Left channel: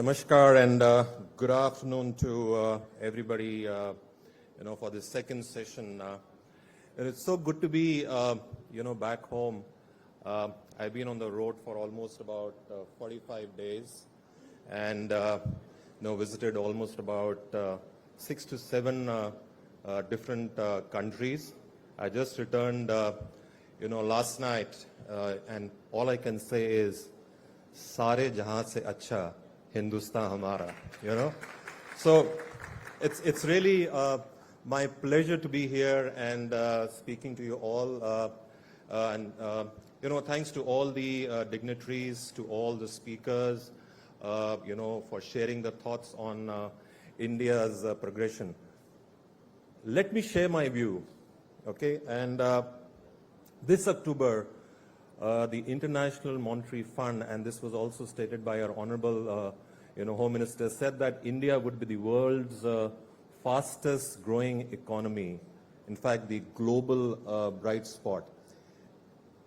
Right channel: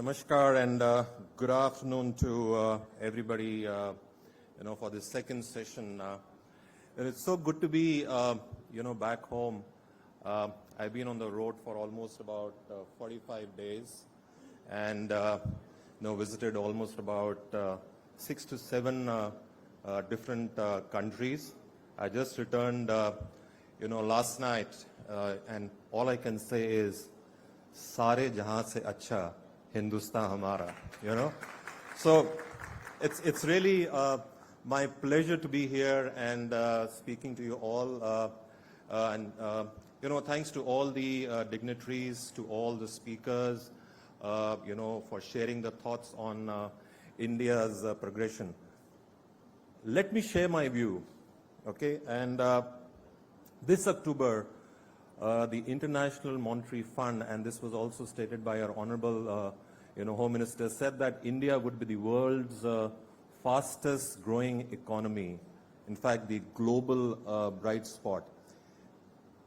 Namaskar and good afternoon to everybody, for this second session. And it's so good to be, back home. I've been on the road for almost about 45 days and, visited almost about 6 to 7 different countries. I just returned, last night, and all I can say is, Sare jahan se acha Hindustan hamara, So it's really my pleasure to be here and speaking to you all. Thanks to all the dignitaries, to all the speakers, for sharing the thoughts on India's progression. Let me share my view, okay? And this October, the International Monetary Fund, and this was also stated by our Honorable Home Minister, said that India would be the world's fastest growing economy. In fact, the global bright spot.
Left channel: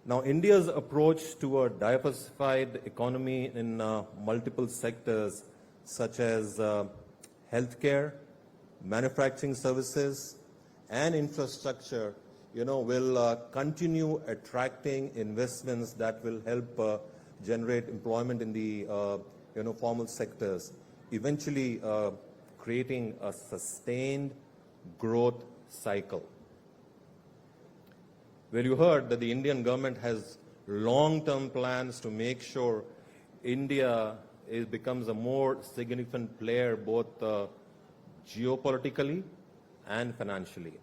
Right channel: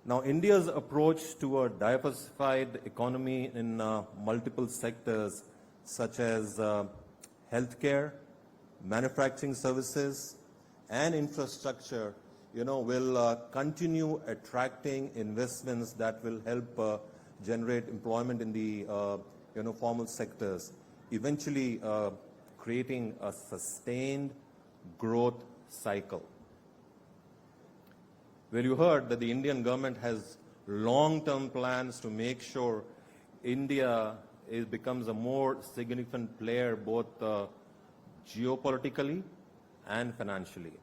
Now, India's approach to a diversified economy in multiple sectors such as healthcare, manufacturing services, and infrastructure will continue attracting investments that will help generate employment in the, formal sectors, eventually creating a sustained growth cycle. Well, you heard that the Indian government has long-term plans to make sure India becomes a more significant player both geopolitically and financially.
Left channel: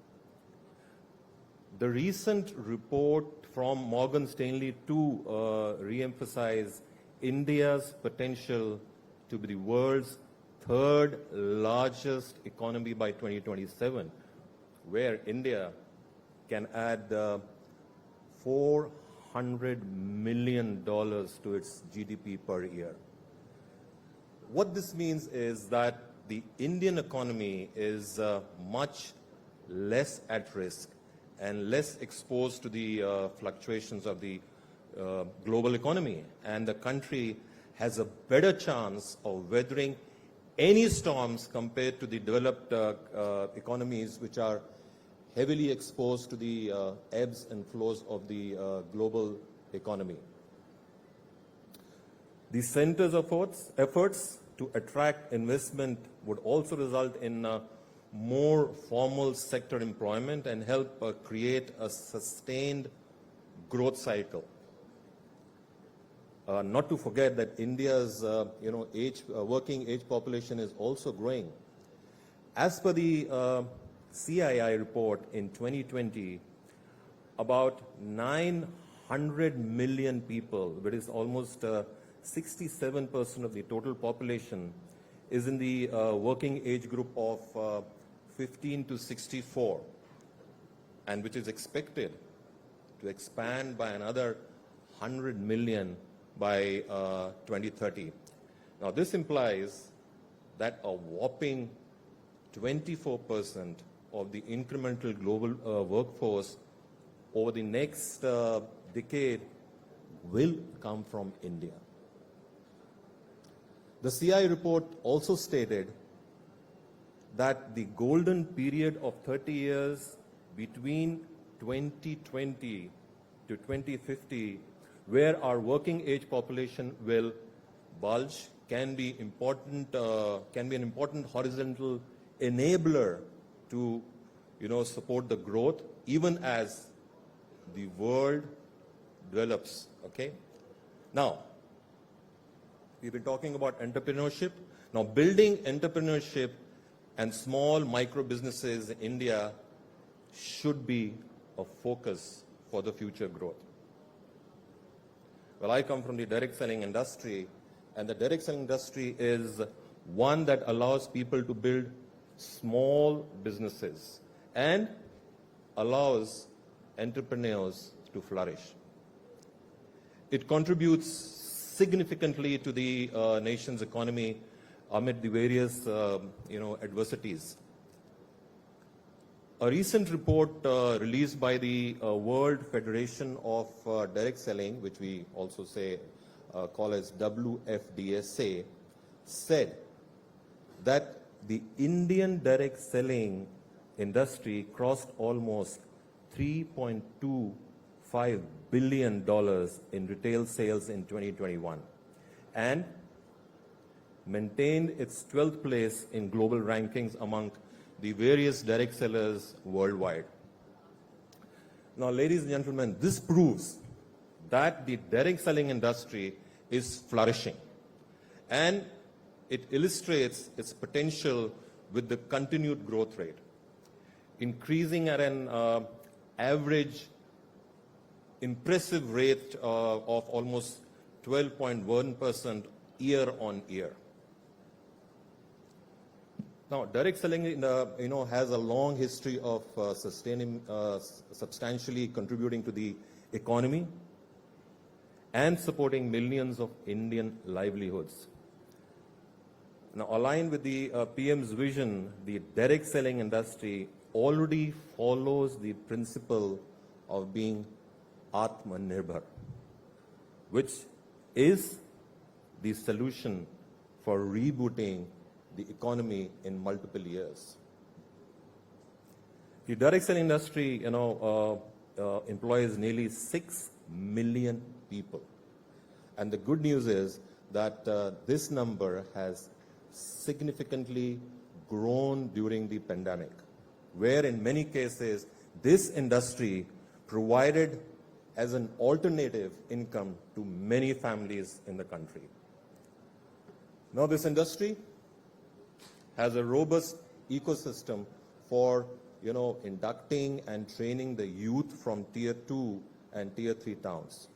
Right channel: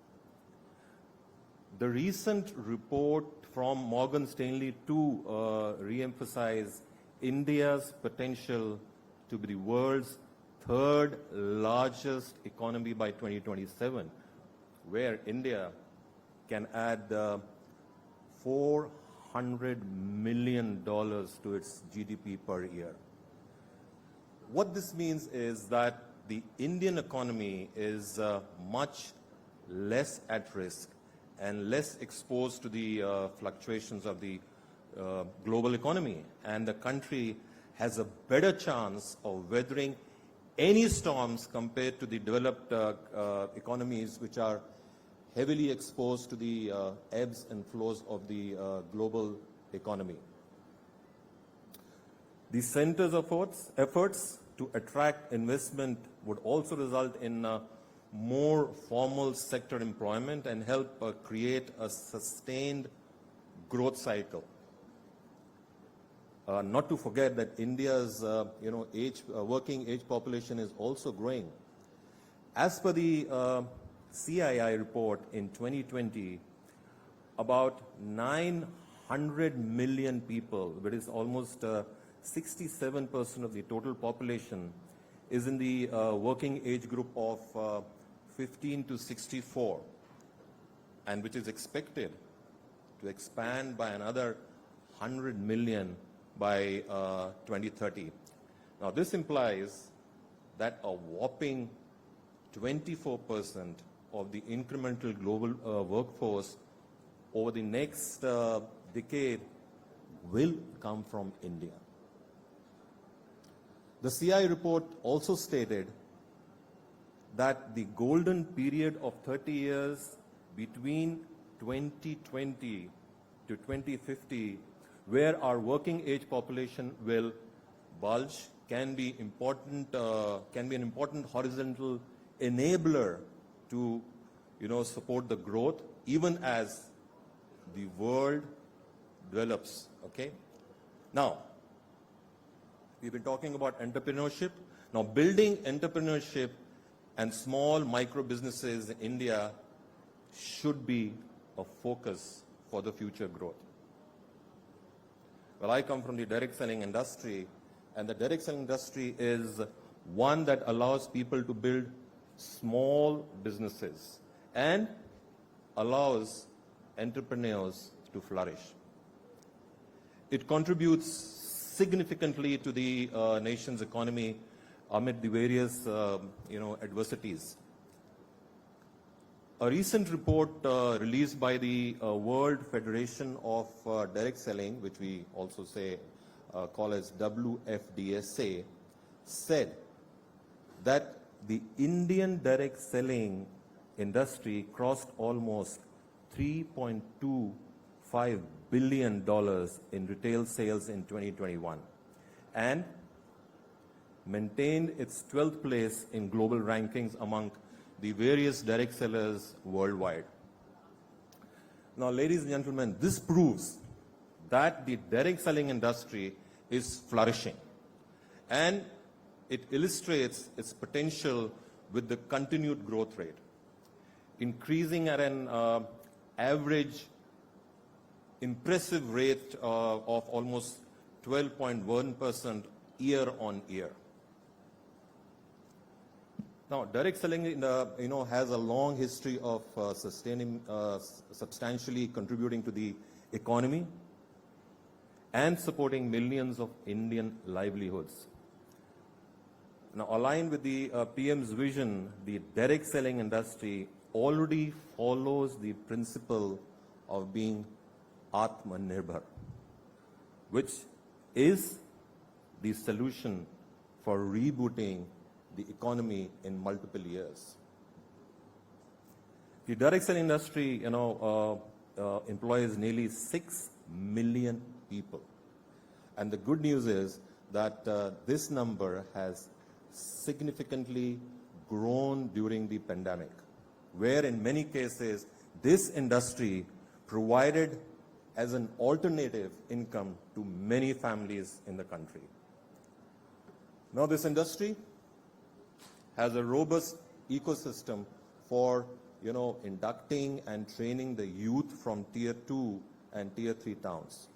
The recent report from Morgan Stanley to re-emphasize India's potential to be the world's third largest economy by 2027, where India can add $400 million to its GDP per year. What this means is that the Indian economy is much less at risk and less exposed to the fluctuations of the global economy. And the country has a better chance of weathering any storms compared to the developed economies which are heavily exposed to the ebbs and flows of the global economy. The center's efforts to attract investment would also result in more formal sector employment and help create a sustained growth cycle. Not to forget that India's working age population is also growing. As per the CII report in 2020, about 900 million people, which is almost 67% of the total population, is in the working age group of 15 to 64, and which is expected to expand by another 100 million by 2030. Now, this implies that a whopping 24% of the incremental global workforce over the next decade will come from India. The CI report also stated that the golden period of 30 years between 2020 to 2050, where our working age population will bulge, can be an important horizontal enabler to support the growth even as the world develops. Okay. Now, we've been talking about entrepreneurship. Now, building entrepreneurship and small micro businesses in India should be a focus for the future growth. Well, I come from the direct selling industry, and the direct selling industry is one that allows people to build small businesses and allows entrepreneurs to flourish. It contributes significantly to the nation's economy amid the various adversities. A recent report released by the World Federation of Direct Selling, which we also call as WFDSA, said that the Indian direct selling industry crossed almost $3.25 billion in retail sales in 2021 and maintained its 12th place in global rankings among the various direct sellers worldwide. Now, ladies and gentlemen, this proves that the direct selling industry is flourishing, and it illustrates its potential with the continued growth rate, increasing at an average impressive rate of almost 12.1% year on year. Now, direct selling, has a long history of substantially contributing to the economy and supporting millions of Indian livelihoods. Now, aligned with the PM's vision, the direct selling industry already follows the principle of being Atmanirbhar, which is the solution for rebooting the economy in multiple years. The direct selling industry, employs nearly 6 million people. And the good news is that this number has significantly grown during the pandemic, where in many cases this industry provided as an alternative income to many families in the country. Now, this industry has a robust ecosystem for inducting and training the youth from tier 2 and tier 3 towns.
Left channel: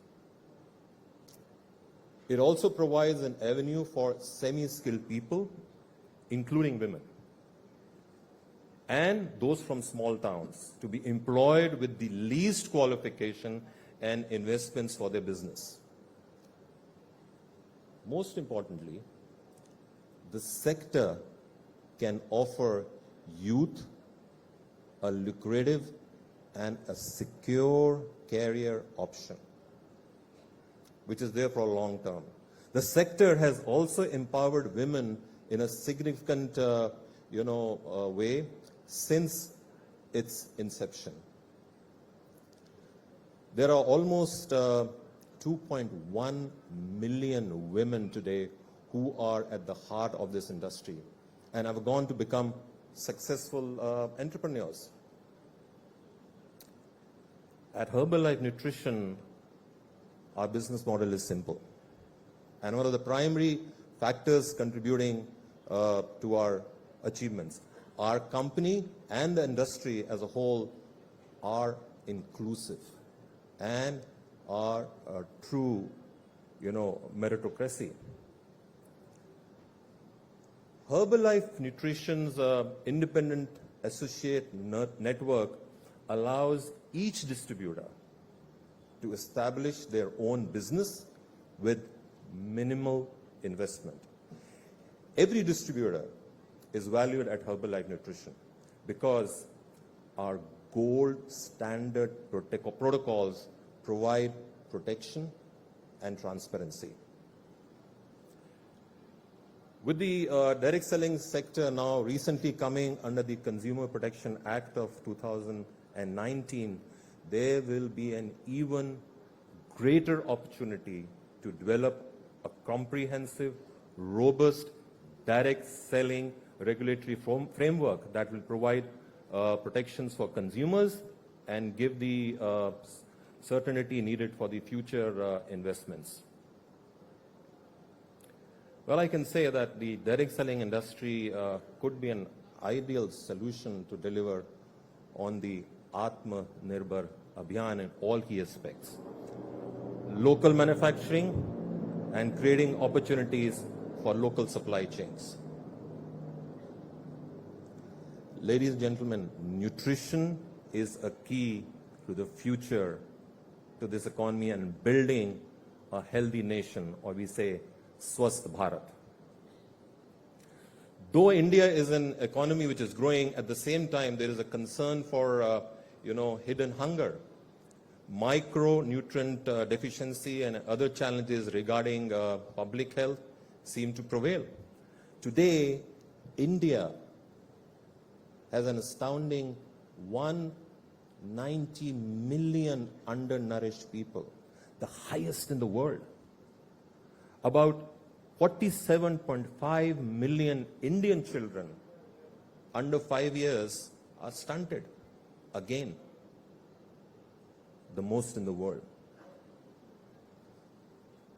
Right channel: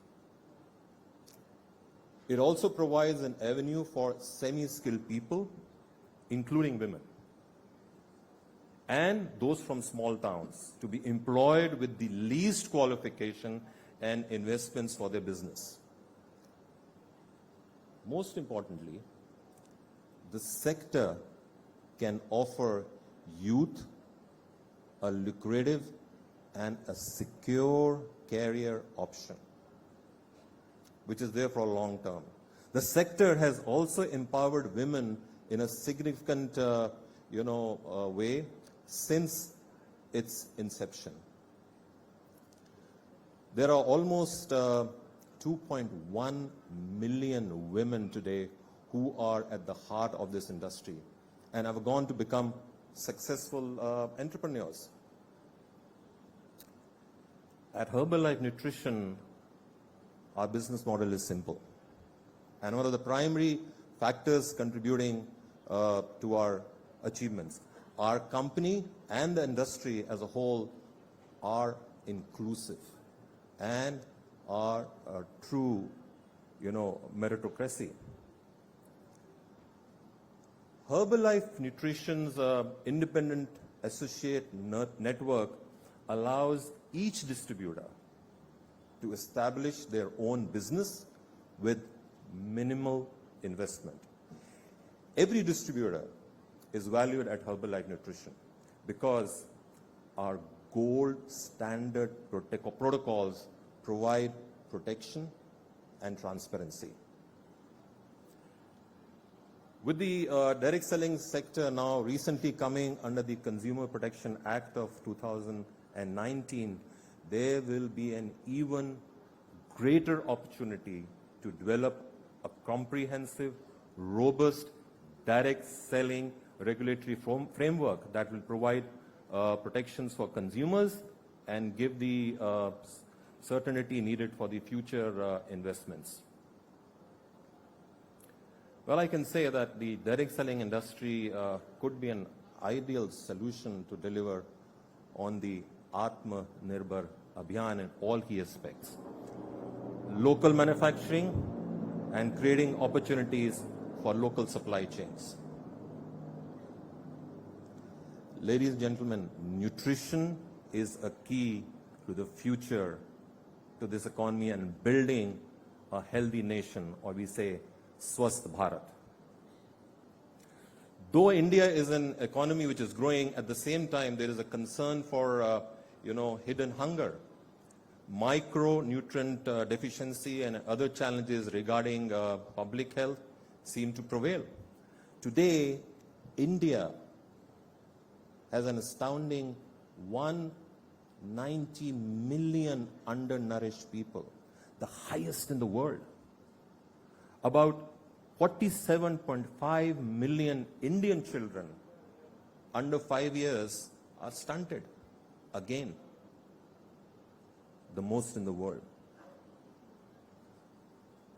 It also provides an avenue for semi-skilled people, including women, and those from small towns to be employed with the least qualification and investments for their business. Most importantly, the sector can offer youth a lucrative and a secure career option, which is there for a long term. The sector has also empowered women in a significant way since its inception. There are almost 2.1 million women today who are at the heart of this industry and have gone to become successful entrepreneurs. At Herbalife Nutrition, our business model is simple. And one of the primary factors contributing to our achievements, our company and the industry as a whole are inclusive and are a true, meritocracy. Herbalife Nutrition's independent associate network allows each distributor to establish their own business with minimal investment. Every distributor is valued at Herbalife Nutrition because our gold standard protocols provide protection and transparency. With the direct selling sector now recently coming under the Consumer Protection Act of 2019, there will be an even greater opportunity to develop a comprehensive, robust, direct selling regulatory framework that will provide protections for consumers and give the certainty needed for the future investments. Well, I can say that the direct selling industry could be an ideal solution to deliver on the Atmanirbhar Abhiyan in all key aspects. Local manufacturing and creating opportunities for local supply chains. Ladies and gentlemen, nutrition is a key to the future, to this economy and building a healthy nation, or we say Swasth Bharat. Though India is an economy which is growing, at the same time there is a concern for hidden hunger, micronutrient deficiency and other challenges regarding public health seem to prevail. Today, India has an astounding 190 million undernourished people, the highest in the world. About 47.5 million Indian children under 5 years are stunted. Again, the most in the world.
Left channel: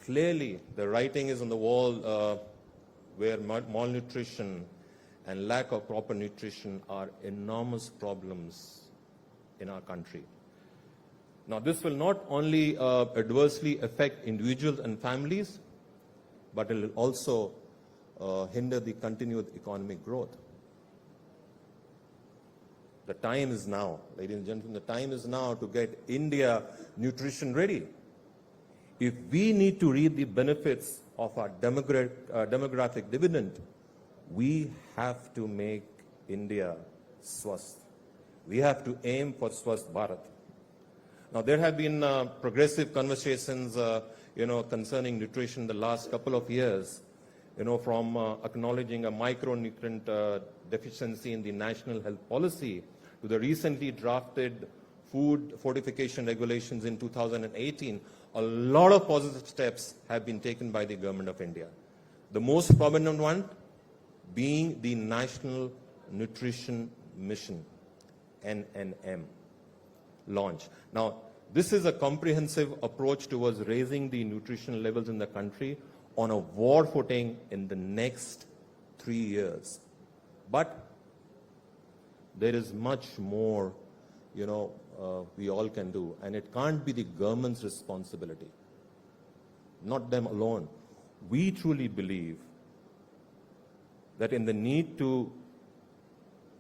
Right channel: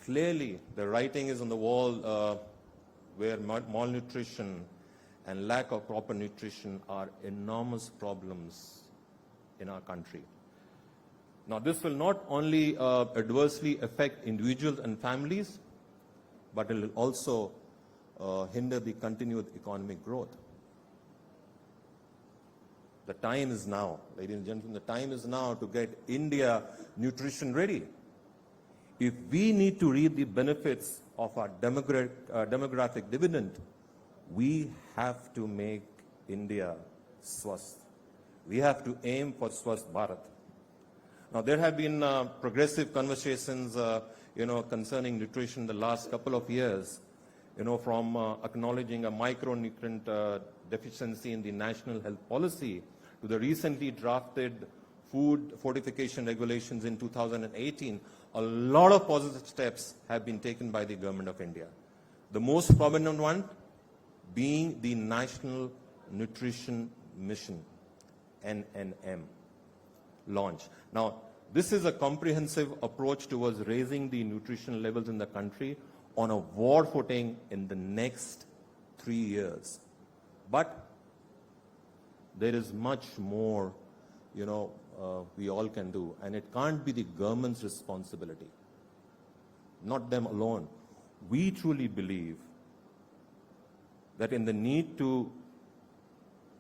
Clearly, the writing is on the wall where malnutrition and lack of proper nutrition are enormous problems in our country. Now, this will not only adversely affect individuals and families, but it will also hinder the continued economic growth. The time is now, ladies and gentlemen, the time is now to get India nutrition ready. If we need to reap the benefits of our demographic dividend, we have to make India swasth. We have to aim for Swasth Bharat. Now, there have been progressive conversations, concerning nutrition in the last couple of years, from acknowledging a micronutrient deficiency in the national health policy to the recently drafted food fortification regulations in 2018. A lot of positive steps have been taken by the government of India. The most prominent one being the National Nutrition Mission, NNM, launch. Now, this is a comprehensive approach towards raising the nutrition levels in the country on a war footing in the next 3 years. But there is much more, we all can do, and it can't be the government's responsibility, not them alone. We truly believe that in the need to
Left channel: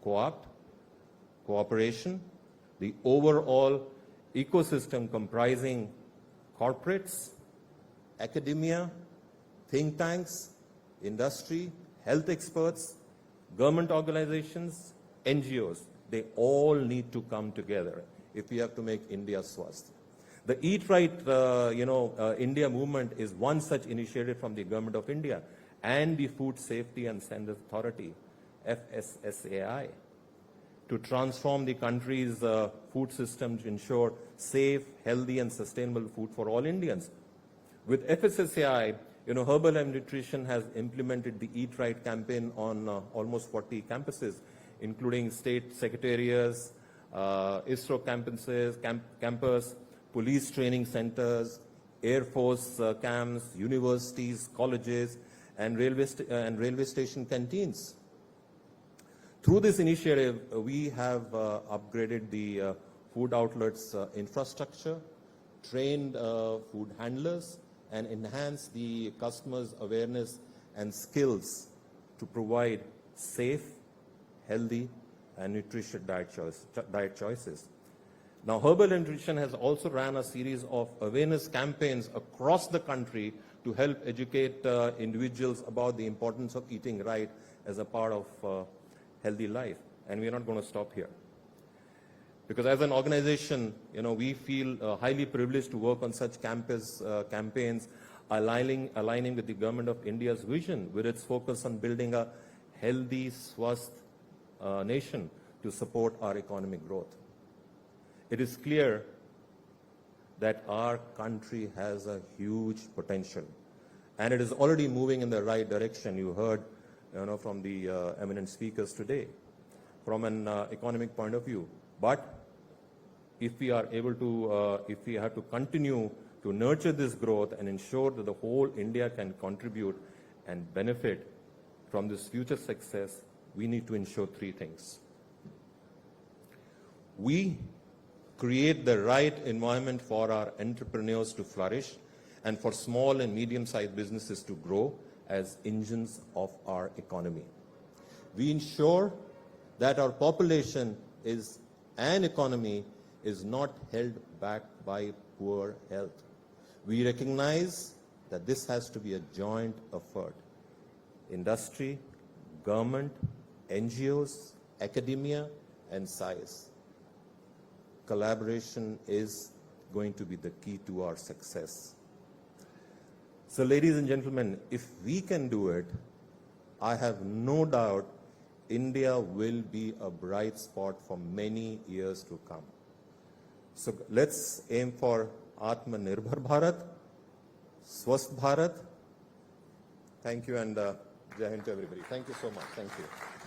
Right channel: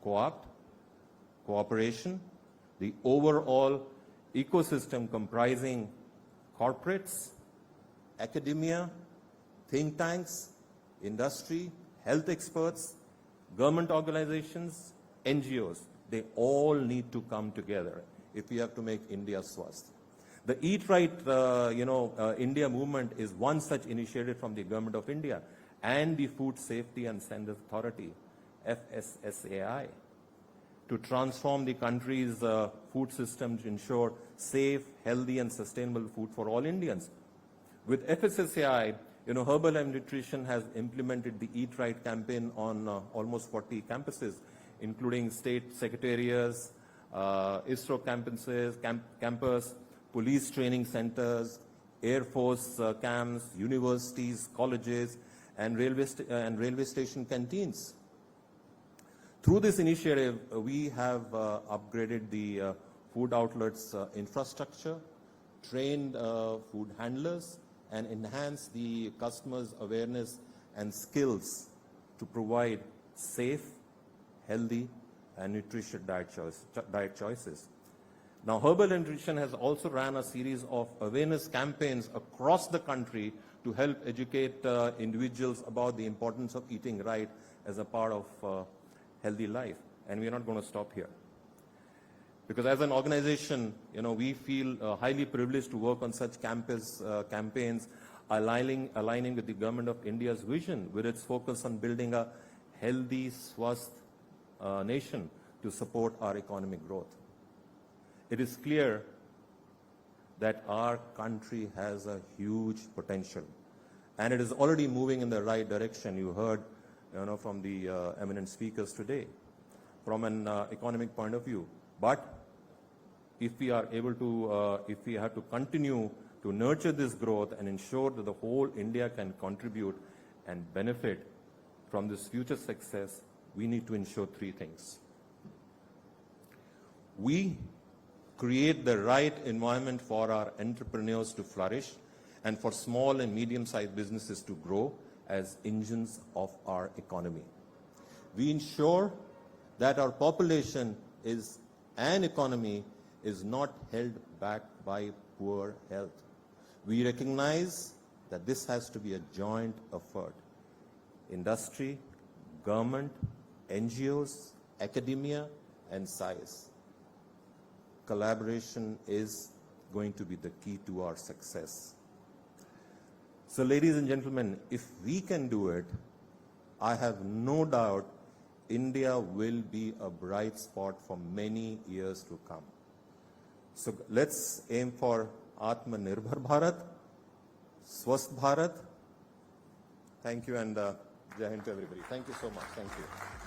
co-opt, cooperation, the overall ecosystem comprising corporates, academia, think tanks, industry, health experts, government organizations, NGOs, they all need to come together if we have to make India swasth. The Eat Right, India movement is one such initiative from the Government of India and the Food Safety and Standards Authority, FSSAI, to transform the country's food system to ensure safe, healthy, and sustainable food for all Indians. With FSSAI, Herbalife Nutrition has implemented the Eat Right campaign on almost 40 campuses, including state secretariats, ISRO campus, police training centers, Air Force camps, universities, colleges, and railway station canteens. Through this initiative, we have upgraded the food outlets infrastructure, trained food handlers, and enhanced the customers' awareness and skills to provide safe, healthy, and nutritious diet choices. Now, Herbalife Nutrition has also ran a series of awareness campaigns across the country to help educate individuals about the importance of eating right as a part of healthy life. And we're not going to stop here. Because as an organization, we feel highly privileged to work on such campaigns, aligning with the Government of India's vision, with its focus on building a healthy, swasth nation to support our economic growth. It is clear that our country has a huge potential, and it is already moving in the right direction. You heard, from the eminent speakers today, from an economic point of view. But if we are able to, if we have to continue to nurture this growth and ensure that the whole India can contribute and benefit from this future success, we need to ensure three things. We create the right environment for our entrepreneurs to flourish and for small and medium-sized businesses to grow as engines of our economy. We ensure that our population and economy is not held back by poor health. We recognize that this has to be a joint effort. Industry, government, NGOs, academia, and science. Collaboration is going to be the key to our success. So, ladies and gentlemen, if we can do it, I have no doubt India will be a bright spot for many years to come. So let's aim for Atmanirbhar Bharat, Swasth Bharat. Thank you, and Jai Hind to everybody. Thank you so much. Thank you.